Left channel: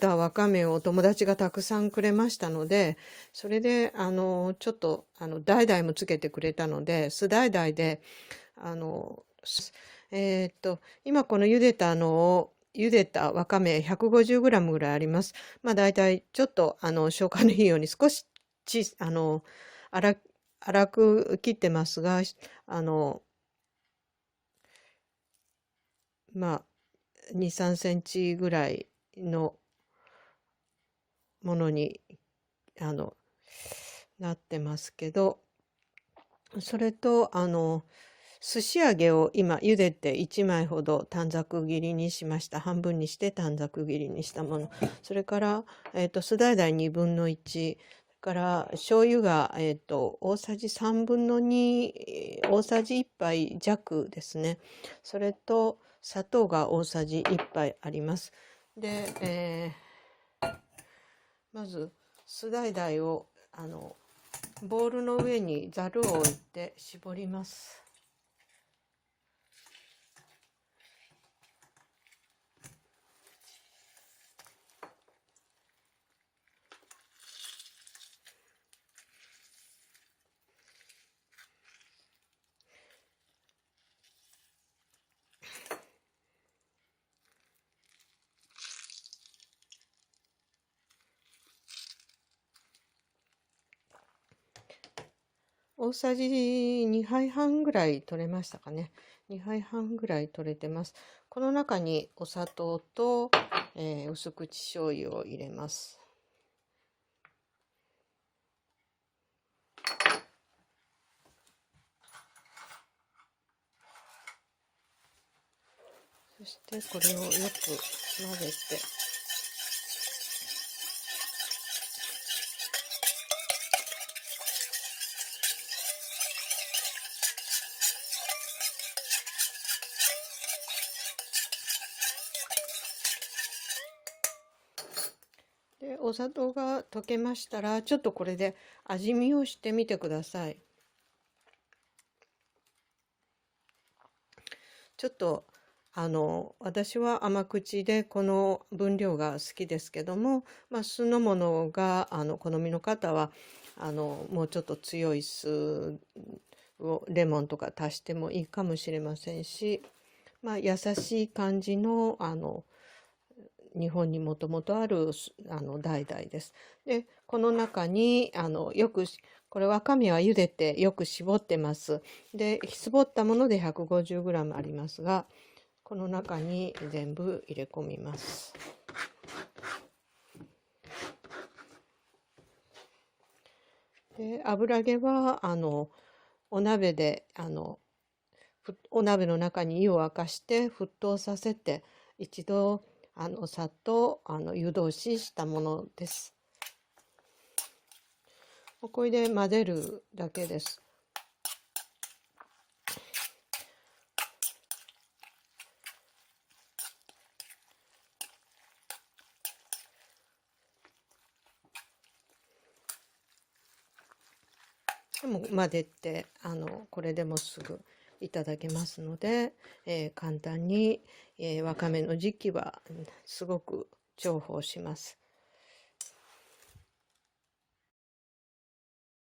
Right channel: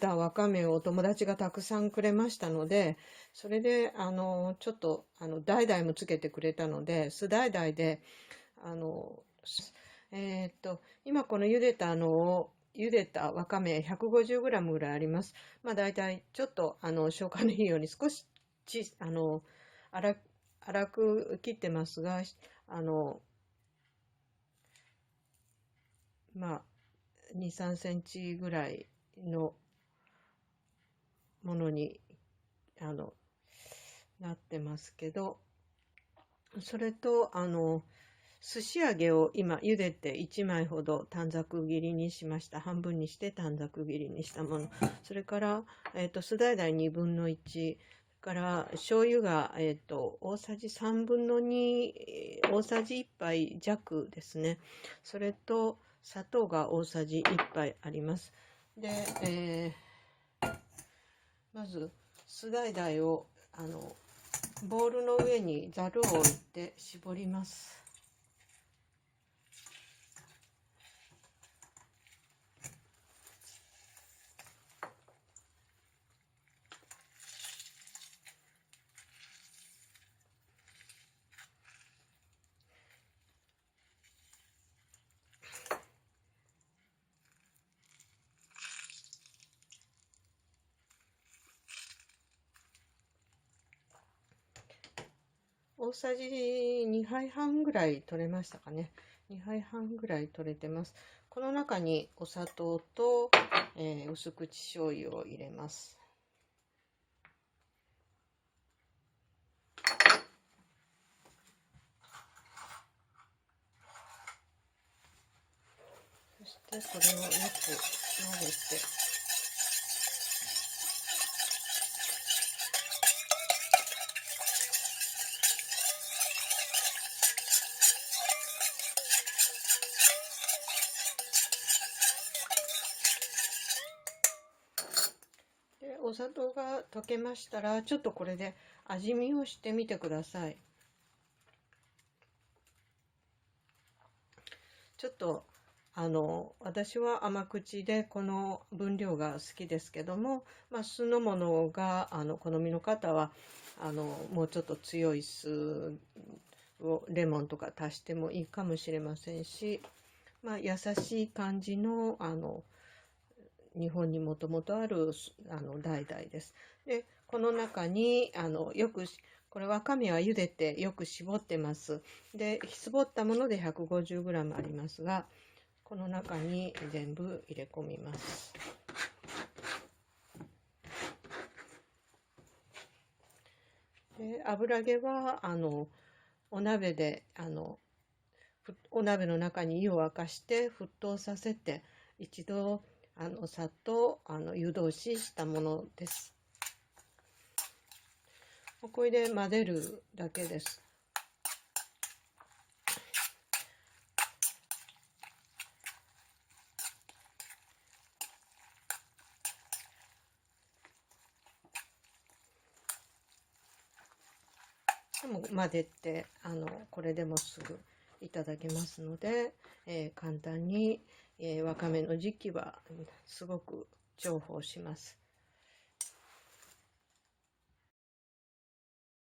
たわかめを友達がたくさんくれましたので、それで、ちょっと、代もつけてくれたので、酢代で、あの、今この茹でたわかめ 150g ぐらいあります。まあ大体ちょっと消化のいいように少しち、あの、粗粗く切ってますが、あの、まあ2、3センチぐらいのものにあのなってますけど、それと寿司揚げを今茹でて1枚ほど短冊切りにしました。半分にして短冊切りにしたもの。それから、酢大1分の1。から醤油が、大さじ3分の2、大さじ1杯弱ですね。それと砂糖が大さじ1杯あります。で、まず酢大をボウルの上にざるを置いて絞ります。大さじ2杯半ぐらい取れましたかね。2杯半ぐらい取れてます。この中にお砂糖と、薄口醤油を入れます。そしてこれをよく混ぜて、で、お砂糖が溶けましたら、ちょっとこれで味見をしてみてください。ちょっと私は甘口でこの分量が好きですけども、まあ、酢の物が好みの方はもうちょっと強い酢をレモンとか足してもいいかもしれませんし、まあ、優しい感じの日本にもともとある橙です。でこの中にこれわかめは茹でてよく絞ってます。で絞ったもので 150g ありますが、この中に全部入れ込みます。で油揚げはお鍋でお鍋の中に湯を沸かして沸騰させて、一度さっと湯通ししたものです。これで混ぜるだけです。もう混ぜてこれでもすぐいただけますので、簡単に、わかめの時期はすごく重宝します。